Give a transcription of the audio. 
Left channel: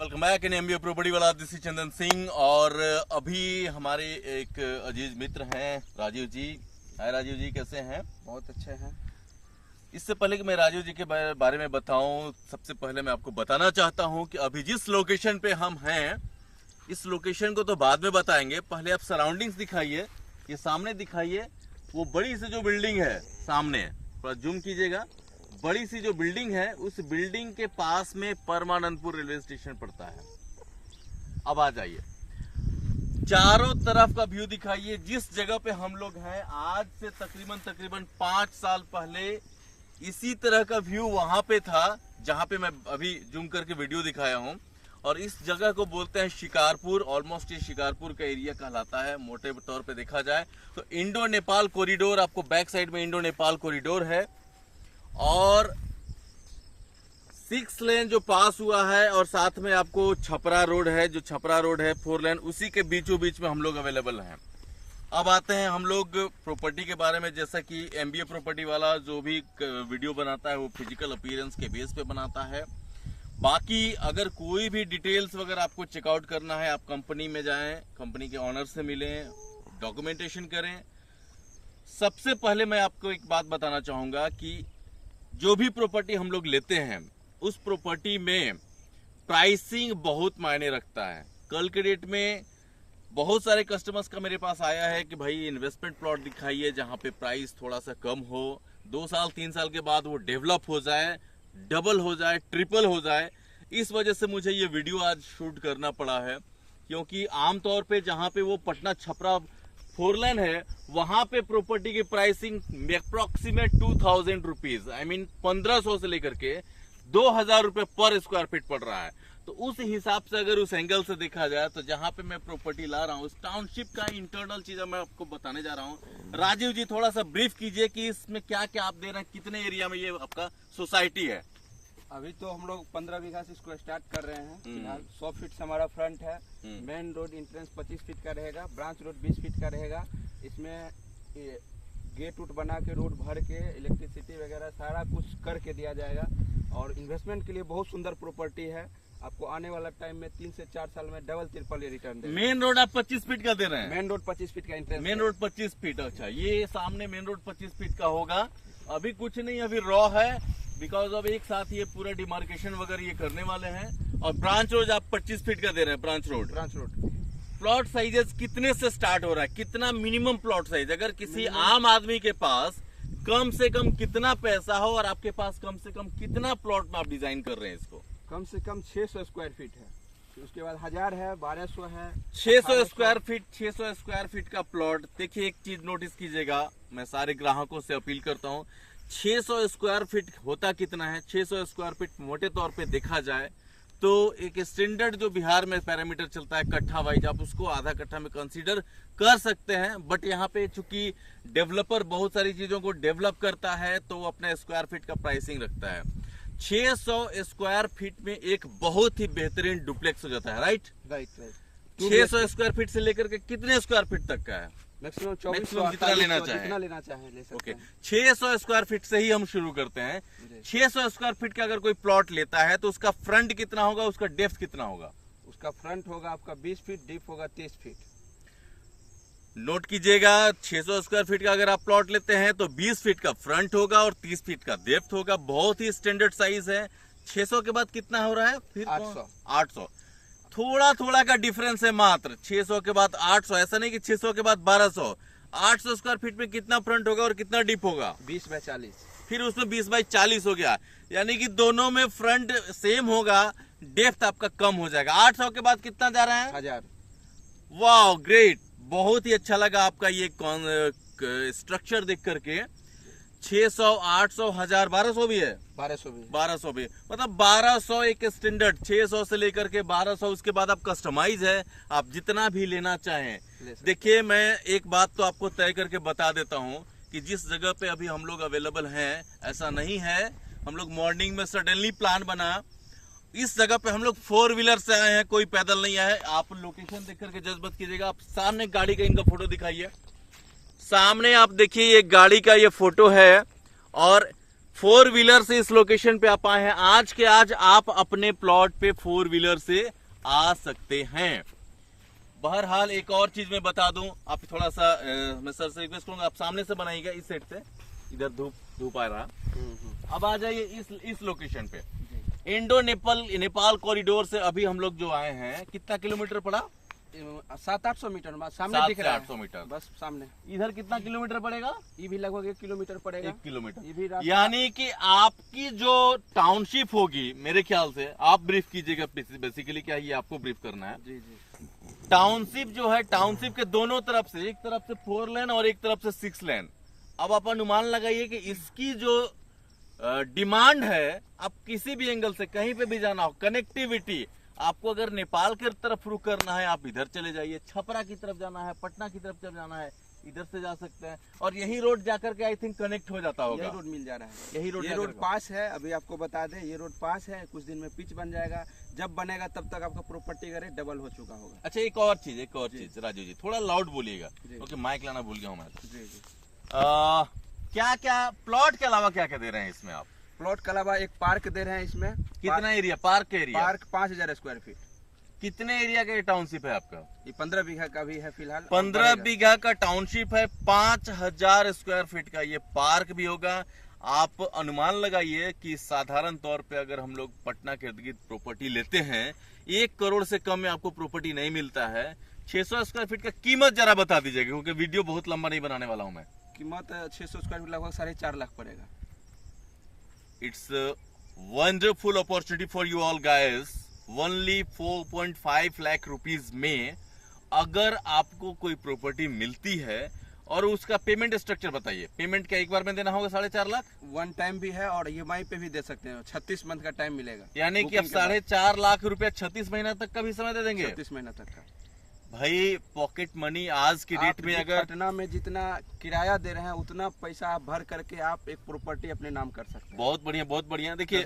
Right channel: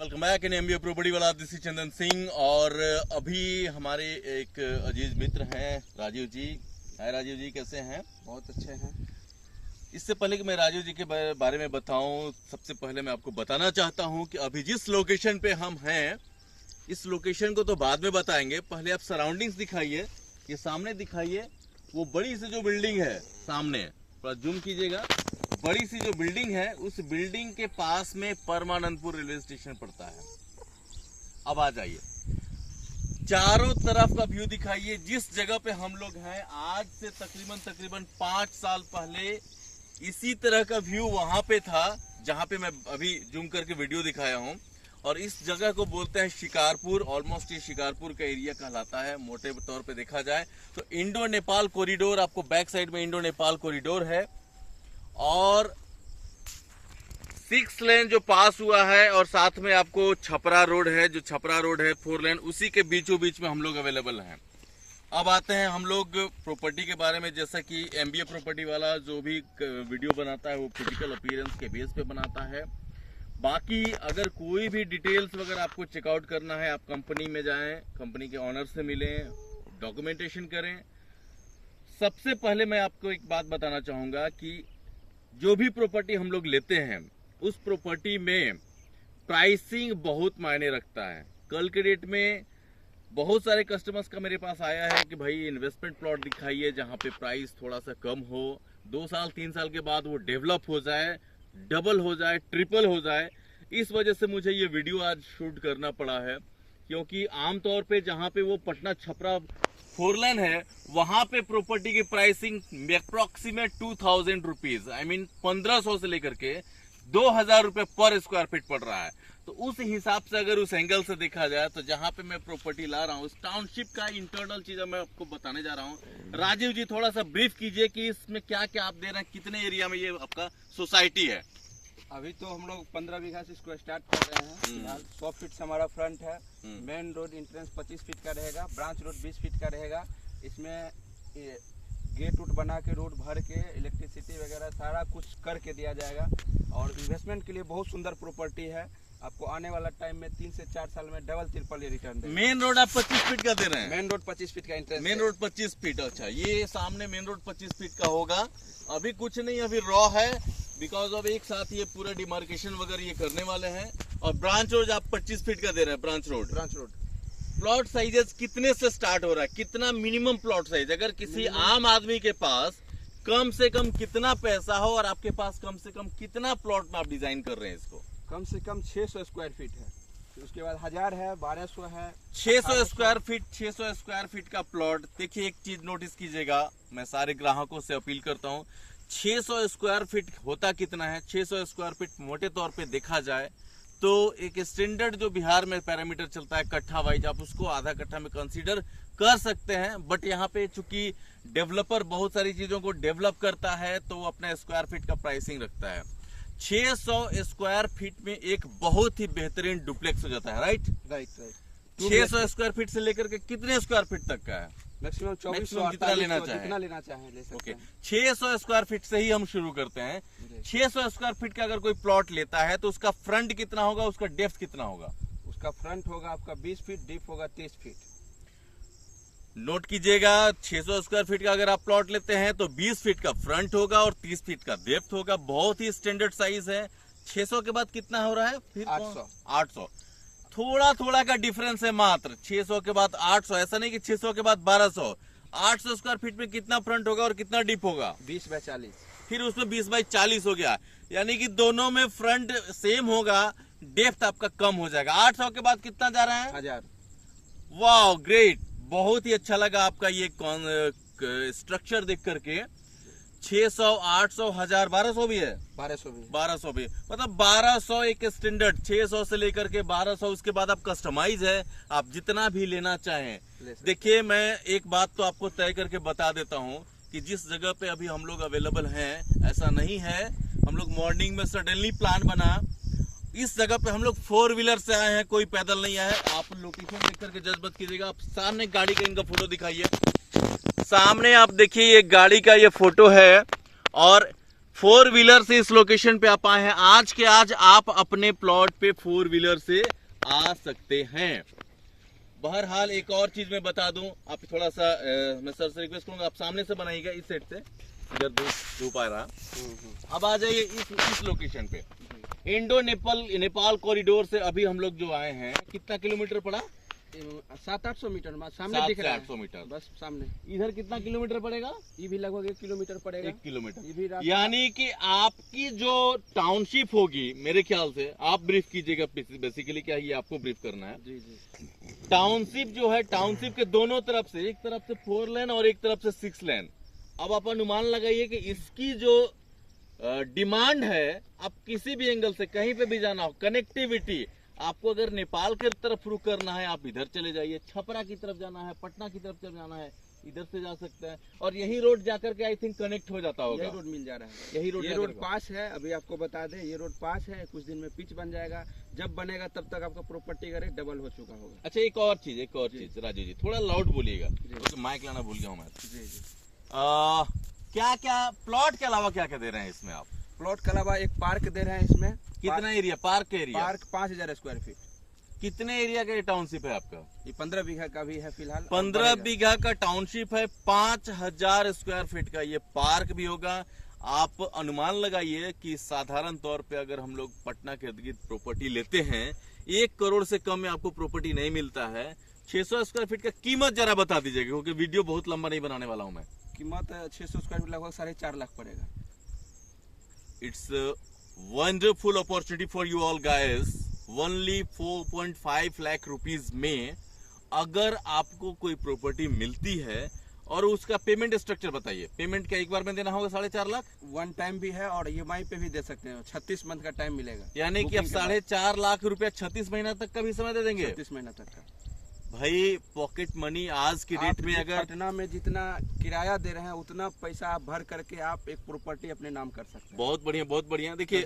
Welcome back in MBA property वाला। This is Chandan Singh और अभी हमारे एक अजीज मित्र हैं राजीव जी। हाय राजीव जी, कैसे हैं? बहुत अच्छे हैं। इससे पहले कि मैं राजीव जी के बारे में बताऊं, सबसे पहले मैं आपको बताना चाहता हूं कि अभी जिस लोकेशन पे हम हैं, इस लोकेशन को तो बाद में बताएंगे। पहले आप सराउंडिंग्स दिखाइए, ये सामने दिखाइए। वो बड़ी सी जो बिल्डिंग है सामने, थोड़ा जूम कीजिएगा। बड़ी सी जो बिल्डिंग है, उस बिल्डिंग के पास में परमानंदपुर रेलवे स्टेशन पड़ता है। अब आ जाइए, चारों तरफ का व्यू दिखाइए। जिस जगह पे हम लोग हैं, आज से तकरीबन 5 साल पहले इसी तरह का व्यू वहां पे था, जहां पे मैं अभी जूम करके वीडियो दिखाया हूं। और इस जगह को बोलते हैं शिकारपुर। ऑलमोस्ट ये शिकारपुर का एरिया कहलाता है मोटे तौर पे देखा जाए तो। इंडो नेपाल कॉरिडोर, आपको बैक साइड में इंडो नेपाल कॉरिडोर है और 6 लेन जो पास हुआ है, और साथ में आपको छपरा रोड है, जो छपरा रोड है 4 लेन, उसी के बीचों बीच में हम लोग अवेलेबल हैं। अब आते हैं हम लोग प्रॉपर्टी के बारे में। जैसा कि एमबीए प्रॉपर्टी वाला जो भी वीडियो बनाता है वो फिजिकल अपीयरेंस के बेस पे बनाता है। बाकी अगर कोई भी डिटेल्स वगैरह आपको चेकआउट करना है, आप कंपनी में जाएं, कंपनी के ऑनर से मिलें, डॉक्यूमेंटेशन करें। सबसे पहले मैं आपको एक बात बताना चाहूंगा कि जो भी प्रॉपर्टी हम लोग लेते हैं, उस प्रॉपर्टी में प्राइसिंग बहुत मायने रखता है। कल के डेट में बहुत सारे कस्टमर्स का मेरे पास आया है कि भाई इन्वेस्टमेंट प्लॉट दिखाइए जहां पे प्राइस थोड़ा सा कम हो, 2 साल 3 साल के बाद वो डेवलप हो जाए, डबल हो जाए, ट्रिपल हो जाए। इस वजह से मुझे ये वीडियो आज शूट करना पड़ा है, क्योंकि आमतौर पे जहां पे वो पटना छपरा 4 लेन है, वहां पे प्रॉपर्टी की pricing approximate 2000 rupees, I mean 1500 से लेकर के 2000 रुपए पर स्क्वायर फीट पड़ रहा है। तो उस हिसाब से अगर उस एंगल से देखा जाए तो जहां पे मैं प्रॉपर्टी ला रहा हूँ, उस टाउनशिप का इंटरनल चीज मैं आपको बताने जा रहा हूँ। राजीव जी, थोड़ा सा ब्रीफ कीजिए कि इसमें क्या क्या आप दे रहे हैं, कितने एरिया में ये आपका सोसाइटी है? अभी तो हम लोग 15 बीघा से इसको स्टार्ट कर रहे हैं। फिलहाल 100 फीट से हमारा फ्रंट है। मेन रोड इंट्रेंस 25 फीट का रहेगा, ब्रांच रोड 20 फीट का रहेगा। इसमें गेट उट बना के, रोड भर के, इलेक्ट्रिसिटी वगैरह सारा कुछ करके दिया जाएगा। और इन्वेस्टमेंट के लिए बहुत सुंदर प्रॉपर्टी है। आपको आने वाला टाइम में 3 से 4 साल में डबल ट्रिपल रिटर्न देगा। मेन रोड आप 25 फीट का दे रहे हैं? मेन रोड 25 फीट का इंट्रेंस। Main road 25 feet. अच्छा, ये सामने मेन रोड 25 फीट का होगा। अभी कुछ नहीं, अभी रॉ है, बिकॉज अब एक साथ ये पूरा डिमार्केशन वगैरह ये करने वाले हैं। और ब्रांच रोड आप 25 फीट का दे रहे हैं? ब्रांच रोड प्लॉट साइजेस कितने से स्टार्ट हो रहा है? कितना मिनिमम प्लॉट साइज, अगर किसी आम आदमी के पास कम से कम कितना पैसा हो और आपके पास कम से कम कितना प्लॉट में आप डिजाइन कर रहे हैं इसको? कम से कम 600 स्क्वायर फीट है, उसके बाद 1000 है, 1200 है, 600 स्क्वायर फीट। 600 स्क्वायर फीट का प्लॉट। देखिए, एक चीज नोटिस कीजिएगा, मैं सारे ग्राहकों से अपील करता हूँ, 600 स्क्वायर फीट होता कितना है? 600 स्क्वायर फीट मोटे तौर पे देखा जाए तो एक स्टैंडर्ड जो बिहार में पैरामीटर चलता है कट्ठा वाइज, आप उसको आधा कट्ठा में कंसीडर कर सकते हैं। बट यहाँ पे चूंकि डेवलपर बहुत सारी चीजों को डेवलप करता है तो वो अपना स्क्वायर फीट का प्राइसिंग रखता है। 600 स्क्वायर फीट में एक बहुत ही बेहतरीन डुप्लेक्स हो जाता है। राइट। 600 स्क्वायर फीट से लेकर के कितने स्क्वायर फीट तक का है? मैक्सिमम जितना लेना चाहे ले सकते ओके। हैं। 600 स्क्वायर फीट से ही हम शुरू करते हैं। 600 स्क्वायर फीट का अगर कोई प्लॉट लेता है तो उसका फ्रंट कितना होगा, उसका डेप्थ कितना होगा? उसका फ्रंट होगा आपका 20 फीट, डीप होगा 30 फीट। नोट कीजिएगा, 600 स्क्वायर फीट का अगर आप प्लॉट लेते हैं तो 20 फीट का फ्रंट होगा और 30 फीट का डेप्थ होगा। बहुत ही स्टैंडर्ड साइज है। 600 के बाद कितना हो रहा है फिर? 800। थोड़ा थोड़ा का डिफरेंस है मात्र। 600 के बाद 800, ऐसा नहीं कि 600 के बाद 1200। 800 स्क्वायर फीट में कितना फ्रंट होगा और कितना डीप होगा? 20 बाय 40। फिर उसमें 20 बाय 40 हो गया, यानी कि दोनों में फ्रंट सेम होगा, डेप्थ आपका कम हो जाएगा। 800 के बाद कितना जा रहा है? 1000। वाह, ग्रेट। बहुत ही अच्छा लगा आपका ये स्ट्रक्चर देख करके। 600, 800, 1000, 1200 भी है? 1200 भी। मतलब 1200 एक स्टैंडर्ड, 600 से लेकर के 1200। उसके बाद आप कस्टमाइज है, आप जितना भी लेना चाहें। देखिए, मैं एक बात तो आपको तय करके बता देता हूं कि जिस जगह पे अभी हम लोग अवेलेबल हैं, ऐसा नहीं है हम लोग मॉर्निंग में सडनली प्लान बना। इस जगह पे हम लोग 4 व्हीलर से आए हैं, कोई पैदल नहीं आए। आप लोकेशन देख करके जज मत कीजिएगा। आप सामने गाड़ी का इनका फोटो दिखाइए। सामने आप देखिए, ये गाड़ी का ये फोटो है और 4 व्हीलर से इस लोकेशन पे आप आए हैं। आज के आज आप अपने प्लॉट पे 4 व्हीलर से आ सकते हैं। बहरहाल एक और चीज मैं बता दूं, आप थोड़ा सा मैं सर से रिक्वेस्ट करूंगा, आप सामने से बनाइएगा इस सेट से, इधर धूप आ रहा। अब आ जाइए इस लोकेशन पे। इंडो नेपाल कॉरिडोर से अभी हम लोग जो आए हैं, कितना किलोमीटर पड़ा? 700-800 मीटर सामने दिख रहा है, 800 मीटर बस सामने। इधर कितना किलोमीटर पड़ेगा? ये भी लगभग 1 किलोमीटर पड़ेगा। 1 किलोमीटर। ये भी रास्ता- यानी कि आपकी जो टाउनशिप होगी, मेरे ख्याल से आप ब्रीफ कीजिएगा, बेसिकली क्या ये आपको ब्रीफ करना है। जी जी। टाउनशिप जो है, टाउनशिप के दोनों तरफ से, एक तरफ से 4 लेन और एक तरफ से 6 लेन। अब आप अनुमान लगाइए कि इसकी जो डिमांड है, आप किसी भी एंगल से कहीं पे भी जाना हो, कनेक्टिविटी आपको अगर नेपाल की तरफ रुख करना है, आप इधर चले जाइए। छपरा की तरफ जाना है, पटना की तरफ चल जाना है, इधर से जा सकते हैं। और यही रोड जाकर के आई थिंक कनेक्ट हो जाता होगा। यही रोड मिल जा रहा है। यही रोड, ये रोड पास है, अभी आपको बता दें, ये रोड पास है। कुछ दिन में पिच बन जाएगा, जब बनेगा तब तक आपका प्रॉपर्टी का रेट डबल हो चुका होगा। अच्छा, एक और चीज राजू जी, थोड़ा लाउड बोलिएगा क्योंकि माइक लाना भूल गया हूँ मैं। जी जी। क्या क्या प्लॉट के अलावा क्या क्या दे रहे हैं इसमें आप? प्लॉट के अलावा एक पार्क दे रहे हैं इसमें। कितना area? Park area? Park 5000 square feet. कितने एरिया का टाउनशिप है आपका? ये 15 बीघा का भी है फिलहाल। 15 बीघा का टाउनशिप है, 5000 स्क्वायर फीट का ये पार्क भी होगा। आप अनुमान लगाइए कि साधारण तौर पे अगर हम लोग पटना के इर्द गिर्द प्रॉपर्टी लेते हैं, 1 करोड़ से कम में आपको प्रॉपर्टी नहीं मिलता है। 600 स्क्वायर फीट का कीमत जरा बता दीजिएगा, क्योंकि वीडियो बहुत लंबा नहीं बनाने वाला हूं मैं। कीमत 600 स्क्वायर फीट लगभग 4.5 लाख पड़ेगा। It's wonderful opportunity for you all guys. Only 4.5 lakh rupees में अगर आपको कोई प्रॉपर्टी मिलती है, और उसका पेमेंट स्ट्रक्चर बताइए। पेमेंट क्या एक बार में देना होगा 4.5 लाख? वन टाइम भी है और EMI पे भी दे सकते हैं। 36 मंथ का टाइम मिलेगा। यानी कि अब 4.5 लाख रुपया 36 महीना तक का भी समय दे देंगे? 36 महीना तक का। भाई पॉकेट मनी आज की डेट में अगर पटना में जितना किराया दे रहे हैं, उतना पैसा आप भर करके आप एक प्रॉपर्टी अपने नाम कर सकते हैं। बहुत बढ़िया, बहुत बढ़िया। देखिए